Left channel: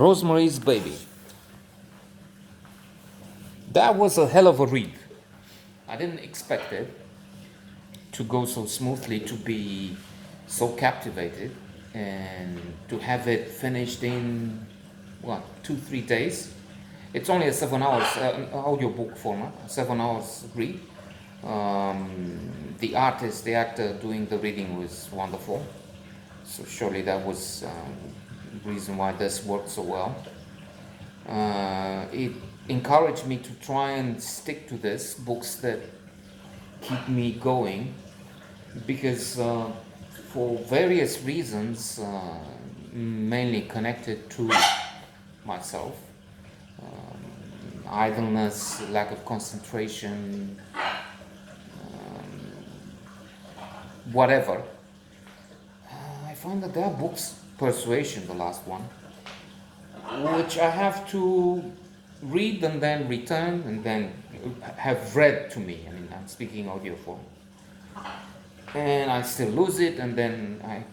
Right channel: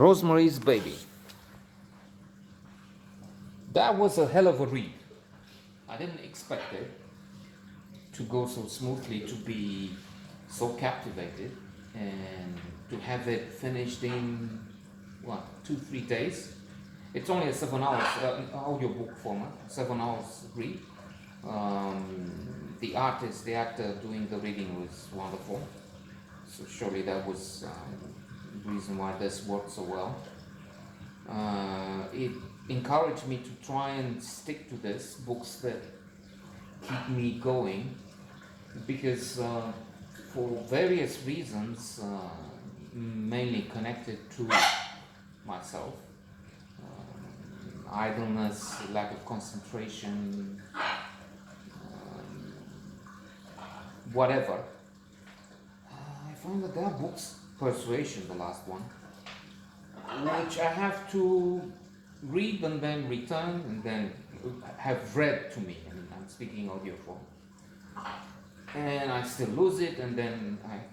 Rosemary's Baby. That was a hell of a read. I didn't expect it to go so smoothly, to be so captivated, and to have it finished in, what, 2-3 days. It's only a 7 hours audiobook format, 7 hours read. The artist, the actor doing the reading was wonderful. So surely that was the reason why this worked so well. It encouraged me to try and stick to this, books that keep me going, because for various reasons, mainly connected to myself, idleness, lack of concentration, whatever, I find that there are books, Persuasion, the last one, which I have to read and then return and then have read to me. I mean, I'm speaking audio form. And I still lose it, and then I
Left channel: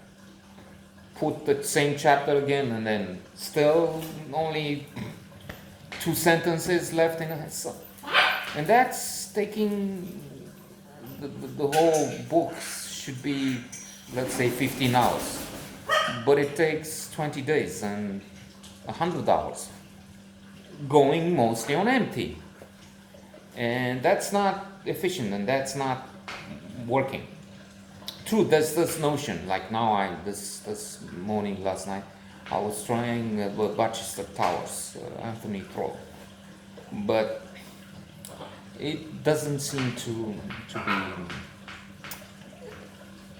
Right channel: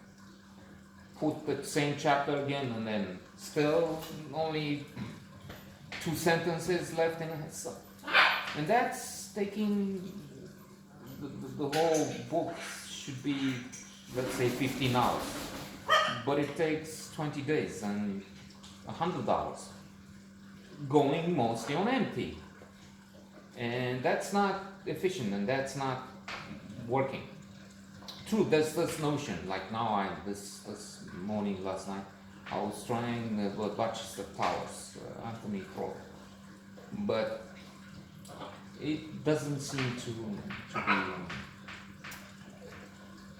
put the same chapter again, and then still only 2 sentences left in it. So, and that's taking the whole book should be, let's say, 15 hours. But it takes 20 days and 100 hours, going mostly on empty. And that's not efficient, and that's not working. True, there's this notion, like now this morning, last night, I was trying Barchester Towers, Anthony Trollope, but it doesn't seem to be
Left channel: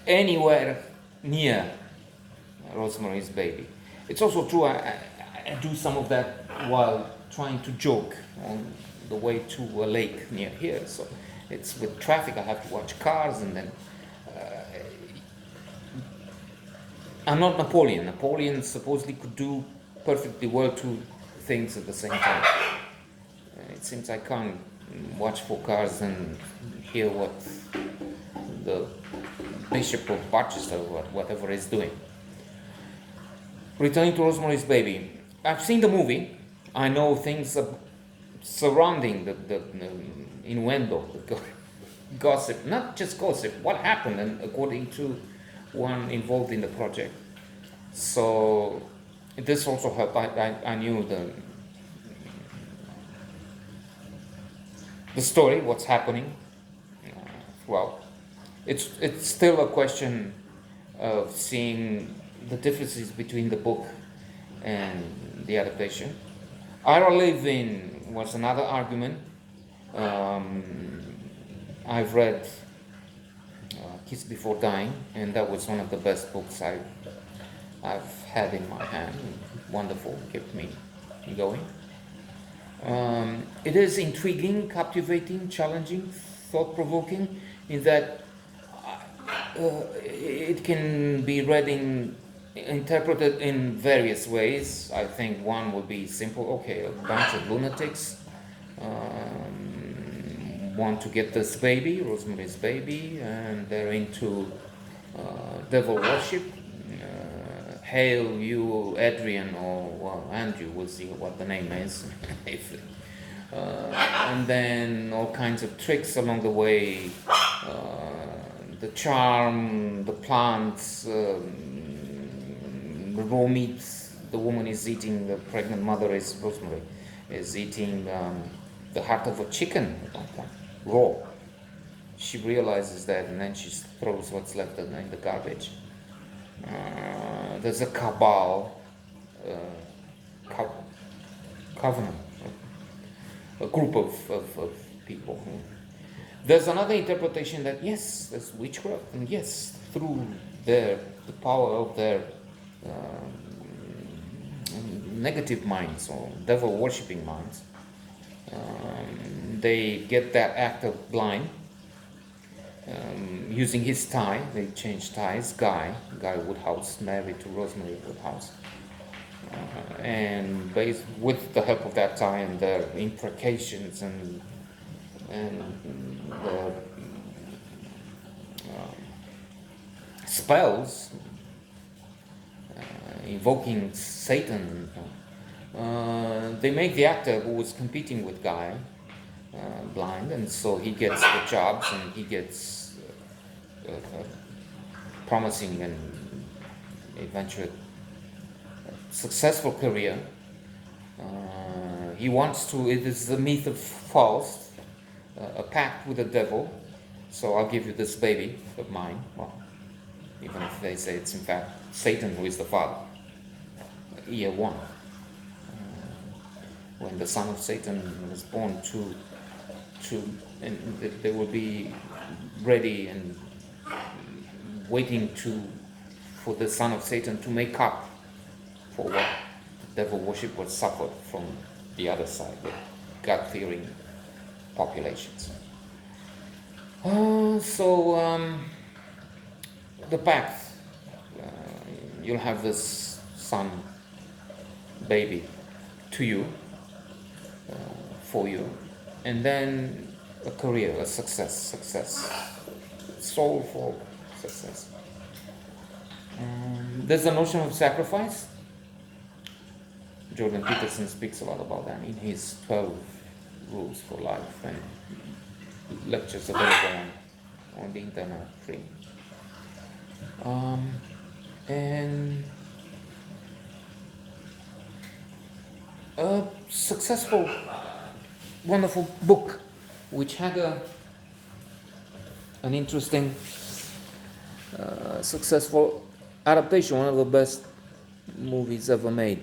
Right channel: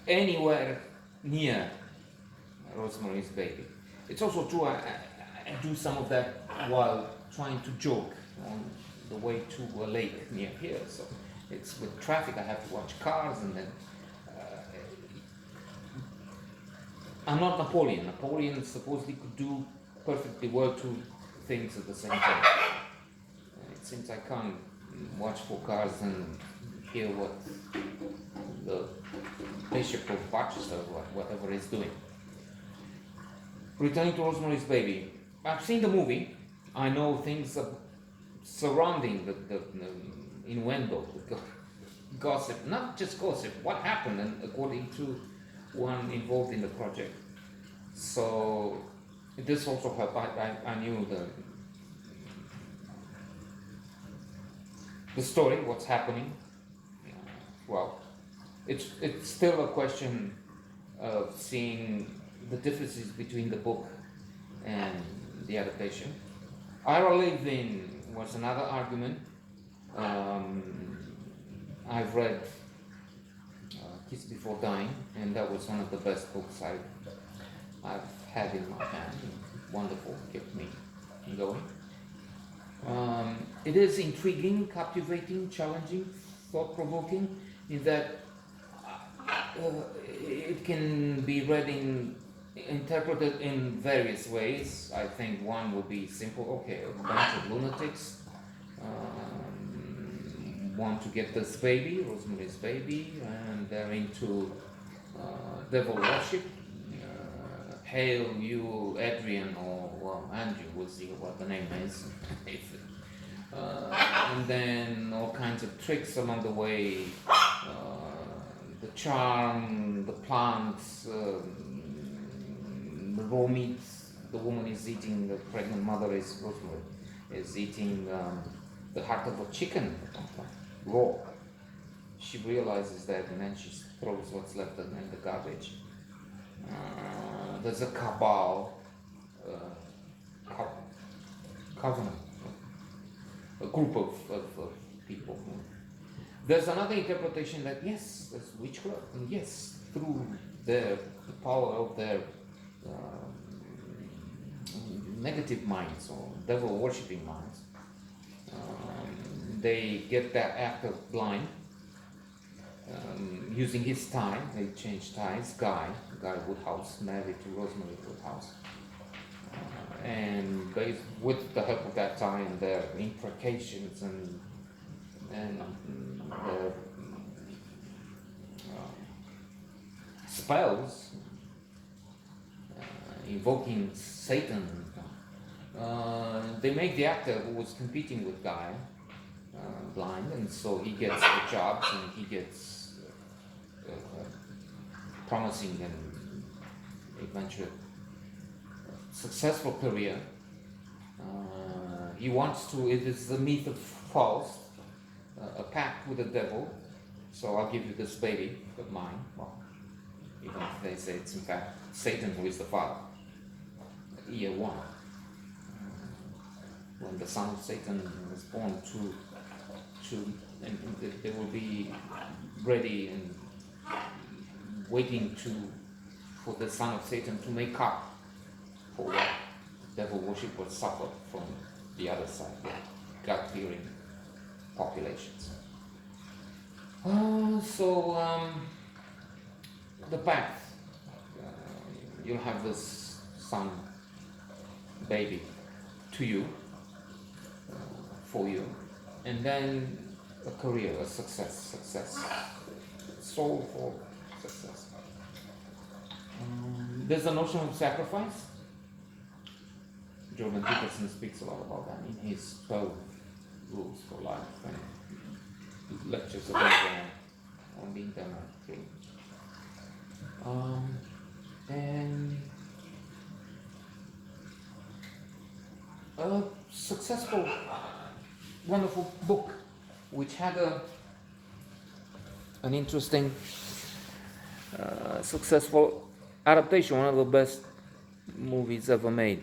anywhere near Rosemary's Baby. It's also true, I do some of that while trying to joke on the way to a lake near here. So it's with traffic, I have to watch cars, and then I'm not Napoleon. Napoleon supposedly could do perfectly well 2 things at the same time. It seems I can't watch 4 cars and hear what the Bishop of Barchester, whatever, is doing. Returning to Rosemary's Baby. I've seen the movie. I know things surrounding the innuendo, the gossip, not just gossip, what happened, and according to one involved in the project. So this also helped. I knew the story, what's happening. Well, it's still a question of seeing the differences between the book and the adaptation. Ira Levin was another argument. I've read Kiss Before Dying, and that was one of the best books I've had in my hand. Wonderful, kept me going. It is intriguing, captivating, challenging, thought-provoking, in that it can be read interpreted in various ways. I think one would be simple. Okay, a bunch of lunatics want to get this baby, Rosemary's Baby, and they're into devil worship. Hail you, Adrian, or well, Andrew, we'll see what the name is. And then all kinds of tricks along the way, the charm, the plants, the raw meat the woman is eating, the pregnant mother is Rosemary, is eating the heart of a chicken raw. She realizes that, and then she throws what's left in the garbage. There's a cabal, covenant, a group of people. There's another interpretation that yes, there's witchcraft, and yes, through the power of their negative minds or devil worshipping minds, they get that actor blind. Using his tie, they change ties. Guy Woodhouse, married to Rosemary Woodhouse, and with the help of that tie and their imprecations and the spells, invoking Satan, They make the actor who was competing with Guy blind, and so he gets the jobs and he gets a promising and eventually successful career. He wants to, it is the myth of Faust, a pact with the devil. So I'll give you this baby of mine. Well, even if they say it's in fact Satan who is the father. Year one. When the son of Satan was born, and they will be ready and waiting for the son of Satan to make up for what the devil worshippers suffered from the other side, the God-fearing populations. The pact, you'll have this son, baby, to you, for you, and then a career, a success, soulful success. There's a notion of sacrifice. Jordan Peterson speaks a lot about that in his 12 Rules for Life and lectures available on the internet free. And a successful, wonderful book which had an interesting, successful adaptation, one of the best movies ever made.